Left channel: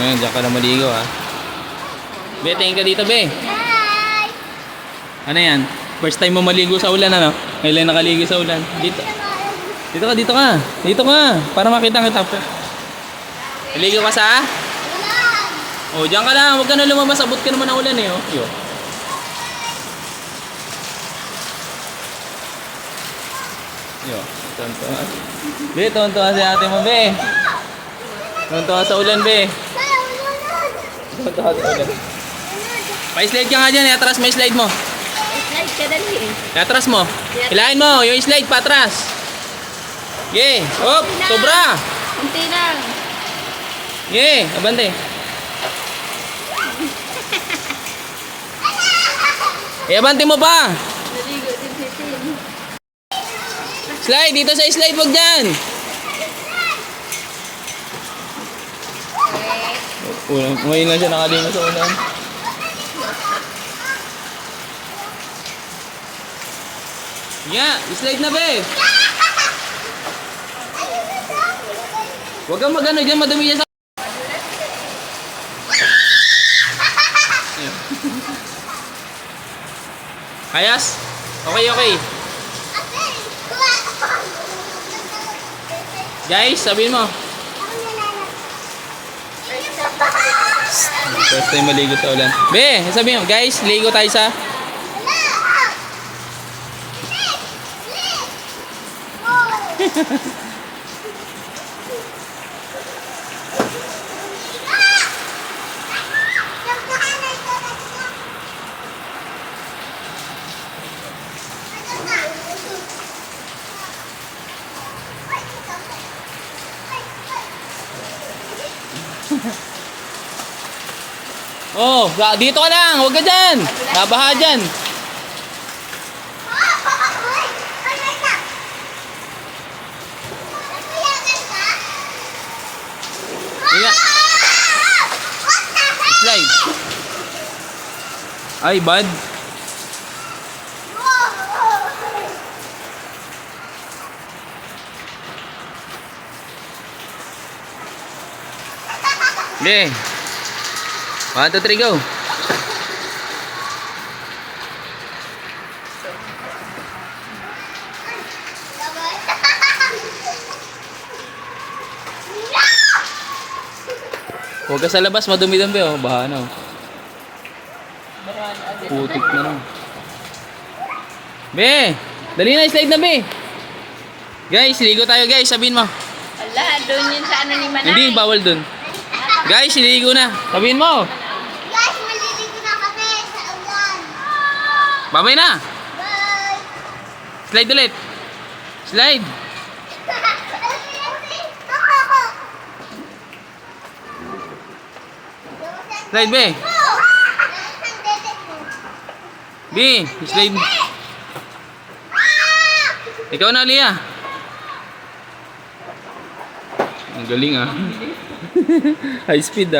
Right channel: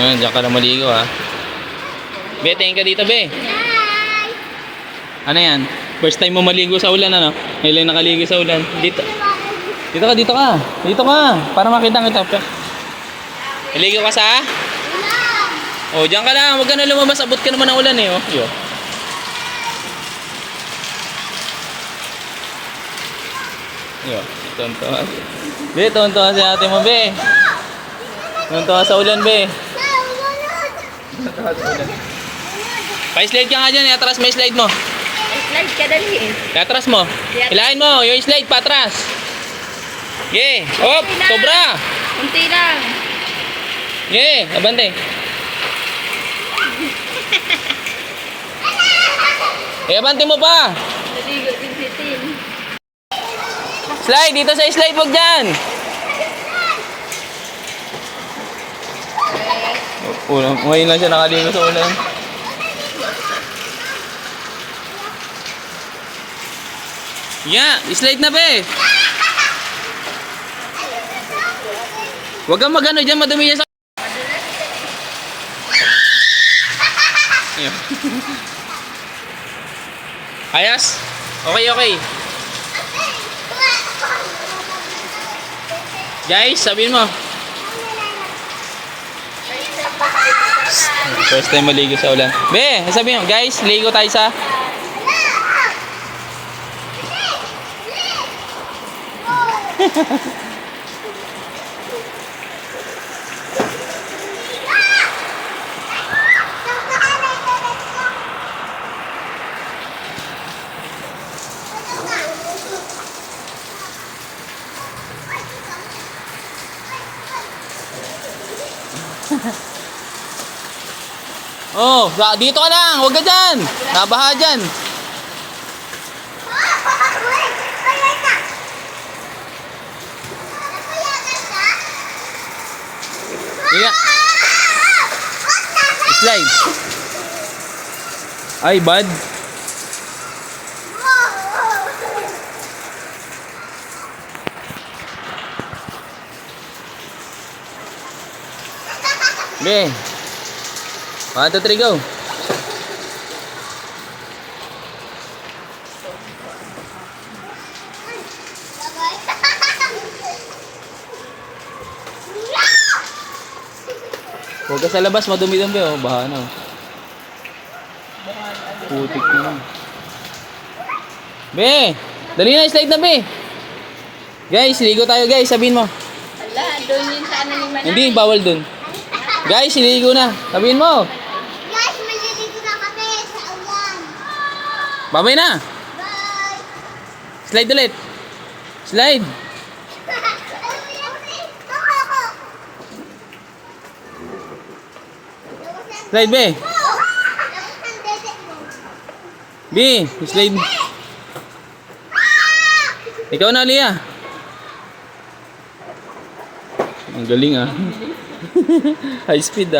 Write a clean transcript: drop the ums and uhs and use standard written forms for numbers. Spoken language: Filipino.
Ayan, diyan ka na maligo ha. Be, tingin ka dito, be. Ano yan? First time mo maligo sa ulan, ano? Ngayon nakaligo sa ulan. Dito. Dito ka, dito ka. Dito ka. Para makita kita. Maligo ka sa? Oh, diyan ka lang. Huwag ka na lumabas. Abot ka naman ng ulan eh. Oh. Yo. Yo. Tonto. Be, tonto si ate mo, be. Tonto sa ulan, be. Tonto sa ulan. Pa-slide ka nga dyan. Atras mo yung slide mo. Slide ka dali. Atras mo. Hilahin mo. Yung slide pa atras. Yeah. Hop. Sobra. Hinti lang. Yeah. Abante. Abante mo pa. Naligo din si Tin. Slide. Dito sa slide. Huwag dyan. Ngayon lang siya nakaligo sa ulan. Yeah, slide na be. Huwag kang magano dyan, madumi dyan sa... Ayos? Okay, okay. Guys, sabihin mo. First time maligo sa ulan. Be, sabihin mo, guys, ligo tayo sa... Oh, dito ka lang, huwag ka dyan. Nabaha dyan. Iya. Slide. Ay, bad. Be. 1, 2, 3, go. Huwag ka sa labas, madumi-dumi oh. Baha na oh. Putik na lang. Be! Dali na, slide na be! Guys, ligo tayo guys, sabihin mo. Wala, doon yun sa ano ni Manay. Hindi, bawal dun. Guys, ligo na. Sabihin mo. Guys, maliligo na kami sa ulan. Babay na. Bye! Slide ulit. Slide. Slide be. Be, slide. Ikaw na, Lia. Ang galing ah. High speed ah.